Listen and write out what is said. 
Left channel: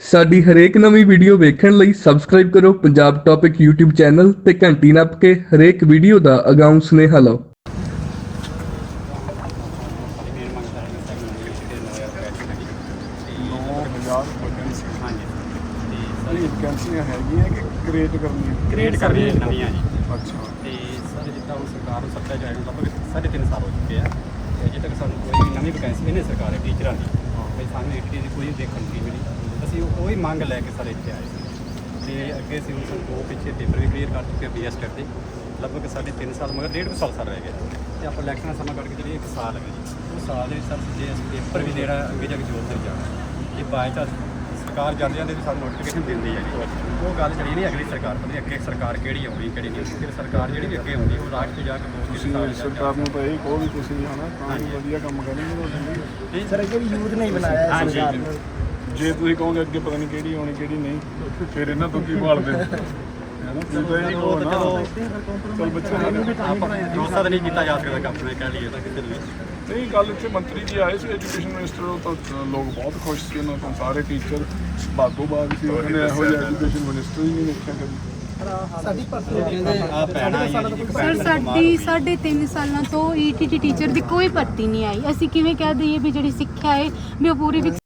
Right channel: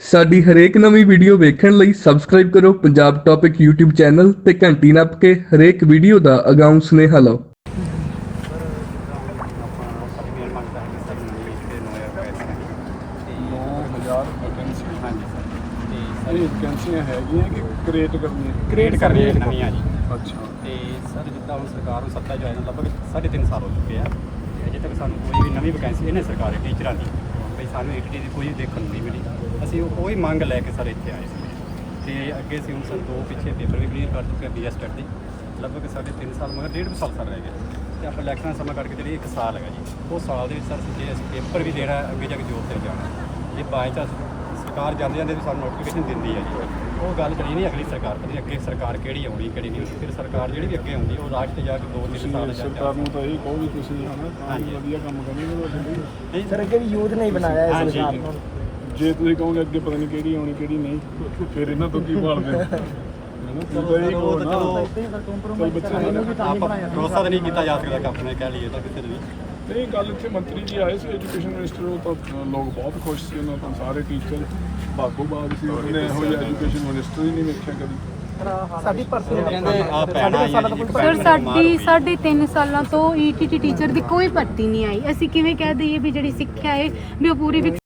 ਸਾਡੀ ਹਰੇਕ ਨਵੀਂ ਵੀਡੀਓ ਵੇਖਣ ਲਈ ਸਬਸਕ੍ਰਾਈਬ ਕਰੋ ਪੰਜਾਬ ਟੌਪਿਕ YouTube ਚੈਨਲ ਤੇ ਘੰਟੀ ਨੱਪ ਕੇ ਹਰੇਕ ਵੀਡੀਓ ਦਾ ਅਗਾਊਂ ਸੁਨੇਹਾ ਲਓ। ਸਾਡੀ ਮੇਨ ਮੰਗ ਤਾਂ ਹੈਗੀ ਸਰ ਨਵੀਂ ਜਿਹੜੇ 9000 ਵੈਕੈਂਸੀ ਹੈਗੀ ਤੇ 9000 ਵੈਕੈਂਸੀ ਹਾਂਜੀ ਸਰ ਤੇ ਸਾਰੀ ਸਰ ਵੈਕੈਂਸੀਆਂ ਹੈਗੀਆਂ ਕਿ ਕ੍ਰੀਏਟ ਕਰਨੀਆਂ? ਕ੍ਰੀਏਟ ਕਰ ਰਹੀ ਹੈ ਨਵੀਆਂ ਜੀ। ਅੱਛਾ। ਤੇ ਸਰ ਜਿੱਦਾਂ ਹੁਣ ਸਰਕਾਰ ਨੂੰ ਸੱਤਾ ਜਾਇ ਨੂੰ ਲਗਭਗ ਸਾਢੇ ਤਿੰਨ ਸਾਲ ਹੋ ਚੁੱਕੇ ਆ ਤੇ ਅਜੇ ਤੱਕ ਸਾਨੂੰ ਕੋਈ ਵੀ ਨਵੀਂ ਵੈਕੈਂਸੀ ਇਹਨੇ ਸਰਕਾਰ ਦੀ ਟੀਚਰਾਂ ਦੀ ਬਈ ਸਾਨੂੰ ਏਟੀਟੀ ਦੀ ਕੋਈ ਦੇਖਣ ਨੂੰ ਨਹੀਂ ਮਿਲੀ। ਅਸੀਂ ਉਹ ਹੀ ਮੰਗ ਲੈ ਕੇ ਸਰ ਇੱਥੇ ਆਏ ਸੀ। ਤੇ ਅੱਗੇ ਅਸੀਂ ਹੁਣ ਸਰ ਦੋ ਪਿੱਛੇ ਪੇਪਰ ਵੀ ਕਲੀਅਰ ਕਰ ਚੁੱਕੇ ਬੀਐਸ ਟੈਕ ਦੇ। ਲਗਭਗ ਸਾਡੇ ਤਿੰਨ ਸਾਲ, ਮਗਰ ਡੇਢ ਕੁ ਸਾਲ ਸਰ ਰਹਿ ਗਿਆ ਤੇ ਆਪਾਂ ਇਲੈਕਸ਼ਨ ਦਾ ਸਮਾਂ ਕਰਕੇ ਜਿਹੜੀ ਇੱਕ ਸਾਲ ਹੈਗਾ ਜੀ, ਉਹ ਸਾਲ ਦੇ ਵਿੱਚ ਸਰ ਜੇ ਅਸੀਂ ਪੇਪਰ ਵੀ ਦੇਣਾ, ਅੱਗੇ ਜਾ ਕੇ ਜੋਬ ਤੇ ਜਾਣਾ। ਜੇ ਬਾਅਦ 'ਚ ਸਰਕਾਰ ਜਾਂਦੇ ਜਾਂਦੇ ਸਾਨੂੰ ਨੋਟੀਫਿਕੇਸ਼ਨ ਦਿੰਦੀ ਹੈ ਜੀ। ਉਹ ਗੱਲ ਜਿਹੜੀ ਨਹੀਂ ਅਗਲੀ ਸਰਕਾਰ ਪਤਾ ਨਹੀਂ ਅੱਗੇ ਸਰਕਾਰ ਕਿਹੜੀ ਆਉਣੀ ਕਿਹੜੀ ਨਹੀਂ। ਫਿਰ ਸਰਕਾਰ ਜਿਹੜੀ ਵੀ ਅੱਗੇ ਆਉਂਦੀ ਉਹ ਰਾਜ ਤੇ ਜਾ ਕੇ ਦੋ ਤਿੰਨ ਤੁਸੀਂ ਸਾਲ ਸਰਕਾਰ ਨੂੰ ਤਾਂ ਇਹ ਕਹੋ ਵੀ ਤੁਸੀਂ ਹਨਾ ਤਾਂ ਵਧੀਆ ਕੰਮ ਲਈ ਨਹੀਂ ਸਰ ਅੱਗੇ ਵੀ ਯੂਥ ਨੇ ਹੀ ਬਣਾਇਆ। ਸਰਕਾਰ ਨੇ। ਜੇ ਤੁਸੀਂ ਕਹੋਗੇ ਅੱਗੇ ਪਤਾ ਨਹੀਂ ਕਿਹੜੀ ਆਉਣੀ ਕਿਹੜੀ ਨਹੀਂ ਫਿਰ ਇਹਨਾਂ ਤੋਂ ਕੀ ਭਾਲਦੇ ਹੋ ਹੈਨਾ ਤੁਸੀਂ ਬੱਚਿਆਂ ਨੂੰ ਆਪਾਂ ਭਰੋਸਾ ਤਾਂ ਨਹੀਂ ਕੀਤਾ ਜਾ ਸਕਦਾ ਕਿ ਆਪਣੇ ਕਹਿ ਲਈਏ ਤਾਂ ਕਿਸੇ ਨੂੰ ਵੀ ਨਹੀਂ ਕੱਲ ਇੱਥੇ ਮੰਤਰੀ ਜੀ ਆਏ ਸੀ ਐਜੂਕੇਸ਼ਨ ਮਿਨਿਸਟਰ ਤਾਂ ਲੋਕ ਬਹੁਤ ਖੁਸ਼ ਸੀ ਉਹਨਾਂ ਤੋਂ ਸਾਰੇ ਟੀਚਰ ਬਾਗੋ ਬਾਗ ਸੀ ਉਹਨੇ ਇਹੋ ਜਿਹਾ ਐਜੂਕੇਸ਼ਨ ਮਿਨਿਸਟਰ ਹੀ ਨਹੀਂ ਵੇਖਿਆ ਕਦੀ ਸਾਡੀ ਸਰ ਸਾਡੀ ਸਾਢੇ ਤਿੰਨ ਸਾਲਾਂ ਤੋਂ ਈਟੀਟੀ ਟੀਚਰ ਦੀ ਕੋਈ ਭਰਤੀ ਨਹੀਂ ਆਈ। ਅਸੀਂ ਕਿਵੇਂ ਕਹਿ ਦਈਏ ਵੀ ਜਿਹੜੀ ਸਿੱਖਿਆ ਹੈ, ਵੀ ਉਹ ਪੂਰੀ